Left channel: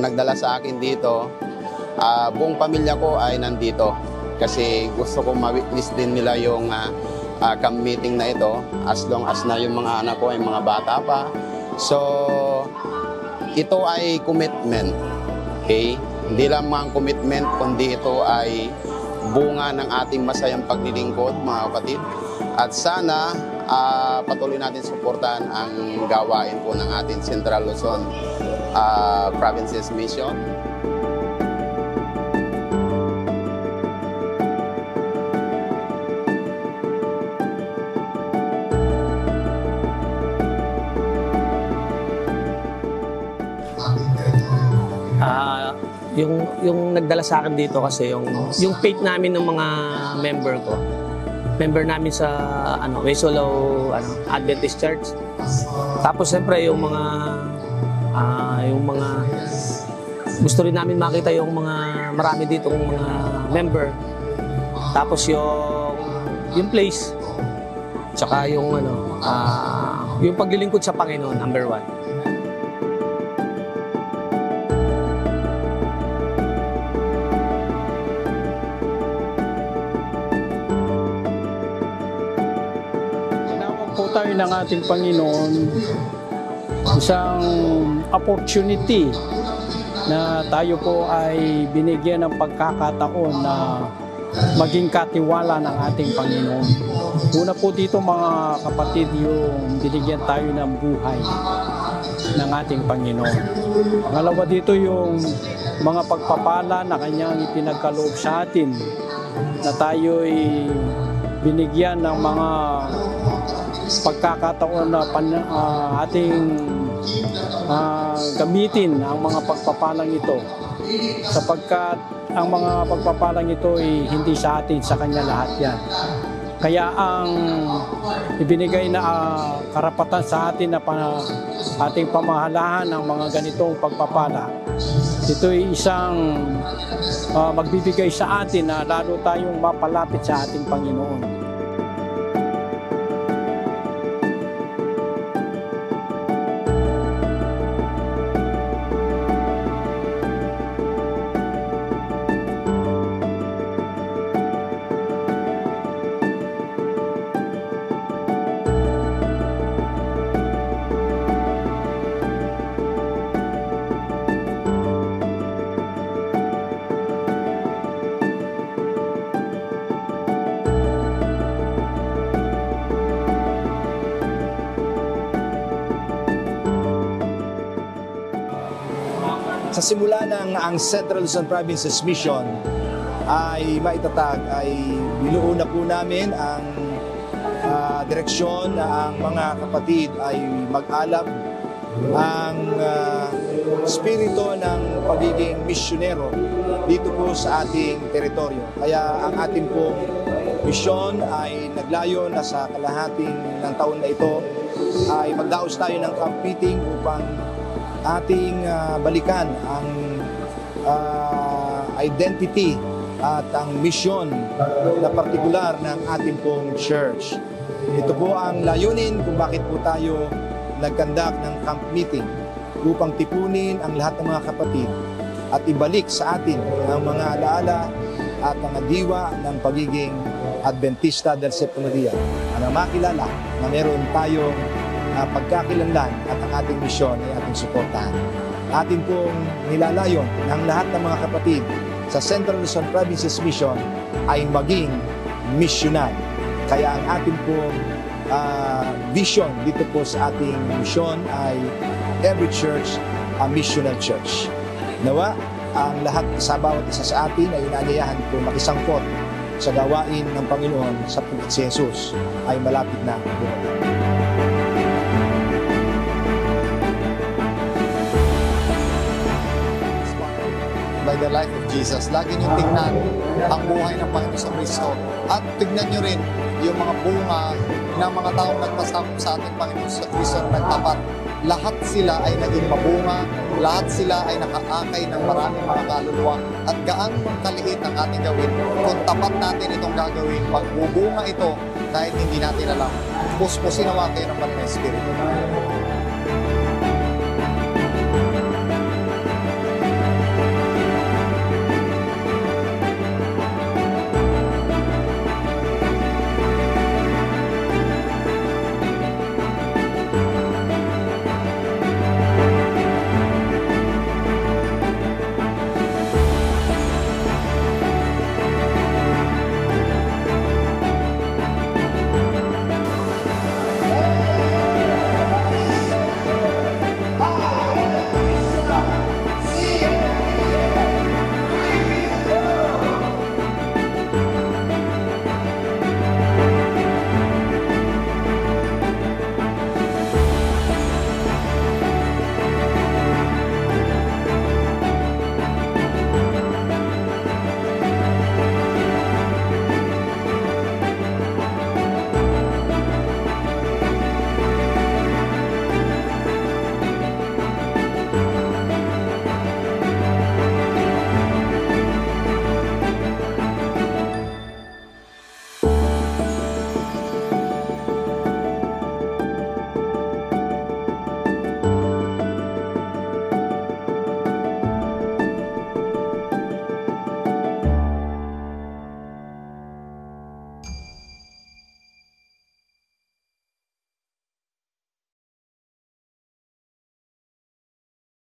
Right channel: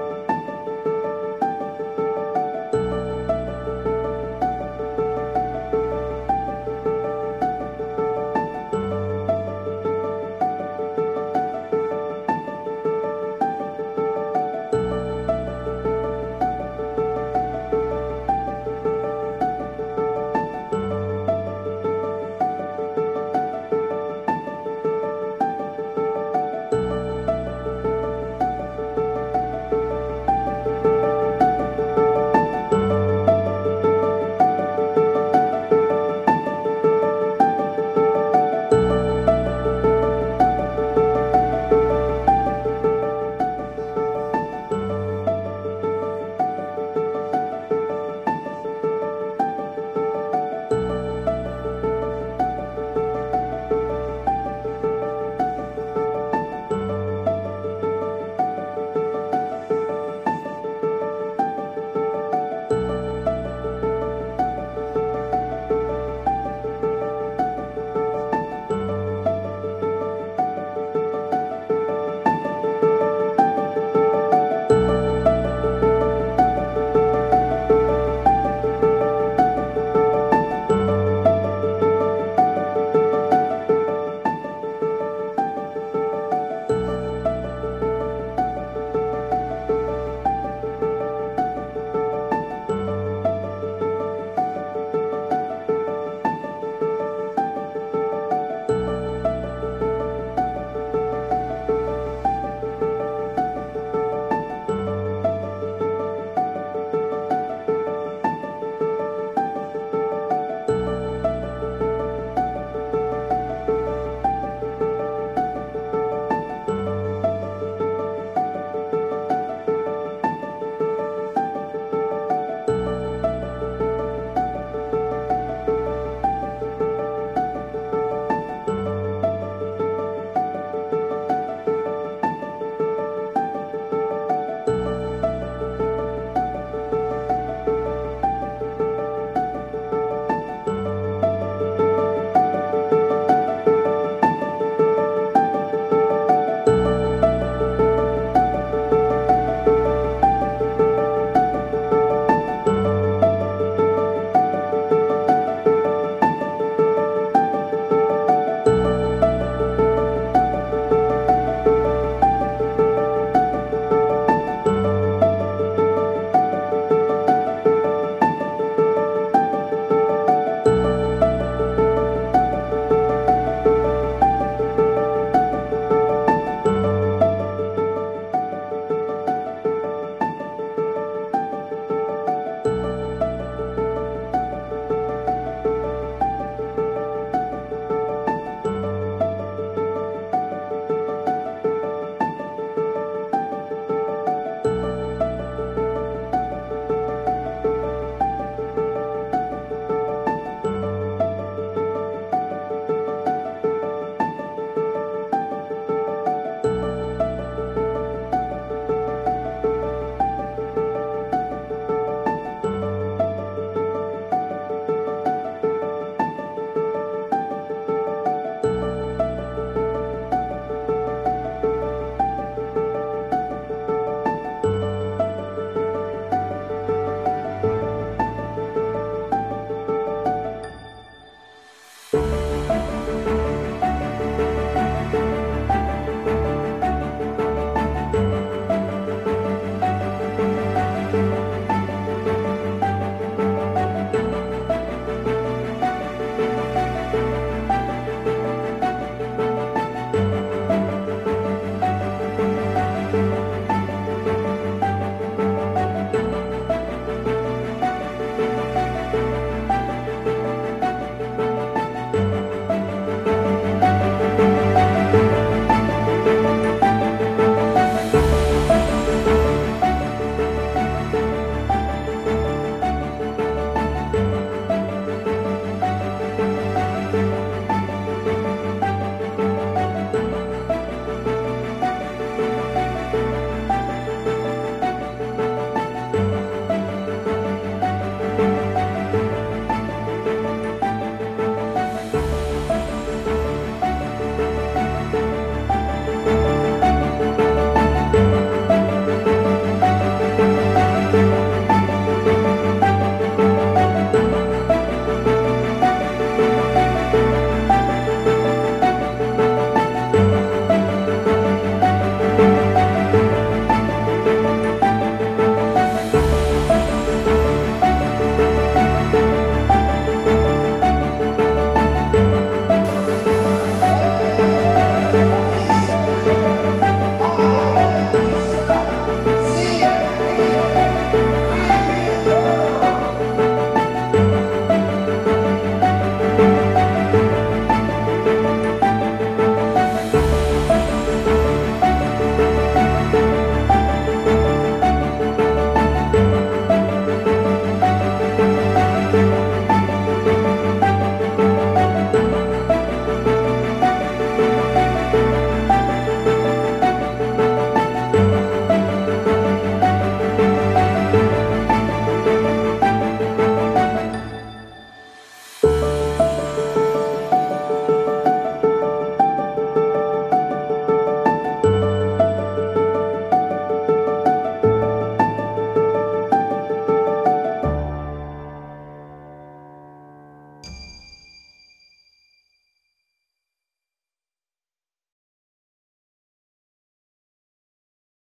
nagdala sa akin dito. Buong pamilya ko ay nandito kasi gusto kong ma-witness din nila yung camp meeting na ito as long as na yung mga anak ko ay mga bata pa. So, ito ay commitment. Okay? Hindi lamang commitment, kundi ito ay bunga ng ating masayang paglilingkod, mga kapatid. At sana patuloy natin suportahan ang gawain po ng ating Central Luzon Provinces Mission. Yung nagdala sa akin dito kasi yung faith namin ng mga member namin sa Wesolo Adventist Church. Tapos siyempre yung mga gusto rin namin makita yung mga marami ditong mga member. Tapos yung place, tsaka yung paglilingkod sa Panginoon, number 1. Ng ating Panginoon isang opportunity na tayo po ay binigyan ng pagkakataon na maging katiwala ng ating Panginoon. Una po dito mga kapatid, yung binigyan tayo ng buhay ng ating Panginoon. Pangalawa dito yung mga pagpapala na kanyang ipinagkaloob sa atin na tayo ay binigyan ng mga pagkakataon na ating gamitin ang mga pagpapalang ito sapagkat ang mga pagpapalang ito ay hindi sa atin, sa Kanya lahat yan. Kaya ang ibinigay na karapatan sa atin na ating pamahalahan ng mga ganitong pagpapala, ito ay isang magbibigay sa atin na lalo tayong mapalapit sa ating Panginoon. Sa simula ng ang Central Luzon Provinces Mission ay maitatag, ay binuo na po namin ang direksyon na ang mga kapatid ay mag-alap ang spirito ng pagiging misyonero dito po sa ating teritoryo. Kaya ang ating pong misyon ay naglayo na sa kalahating ng taon na ito ay magdaos tayo ng camp meeting upang ating balikan ang identity at ang misyon na partikular ng ating pong church. Ito po ang layunin kung bakit po tayo nagkandak ng camp meeting upang tipunin ang lahat ng mga kapatid at ibalik sa atin ang mga alaala at ang diwa ng pagiging Adventista del Séptimo Día na makilala na meron tayong pagkakilanlan at ang ating misyon ay ating suportahan. Atin pong nilalayon ng lahat ng mga kapatid sa Central Luzon Provinces Mission ay maging missional. Kaya ang ating pong vision dito po sa ating mission ay every church a missional church. Nawa, ang lahat sa bawat isa sa atin ay inalayahan po makisangkot sa gawain ng Panginoon sa si Jesus ay malapit na. By the life of Jesus, lagi niyo tingnan ang buhay ng Panginoon sa Kristo at tignan niyo rin yung mga bunga ng mga taong nagpasakop sa ating Panginoon sa Kristo na nagtapat. Lahat sila ay naging mabunga, lahat sila ay nakaakay ng maraming mga kaluluwa at gaano kaliit ang ating gawin. Kung tapat natin itong gagawin, magbubunga ito kahit hindi natin alam. Puspusin naman kayo ng Panginoon Espiritu.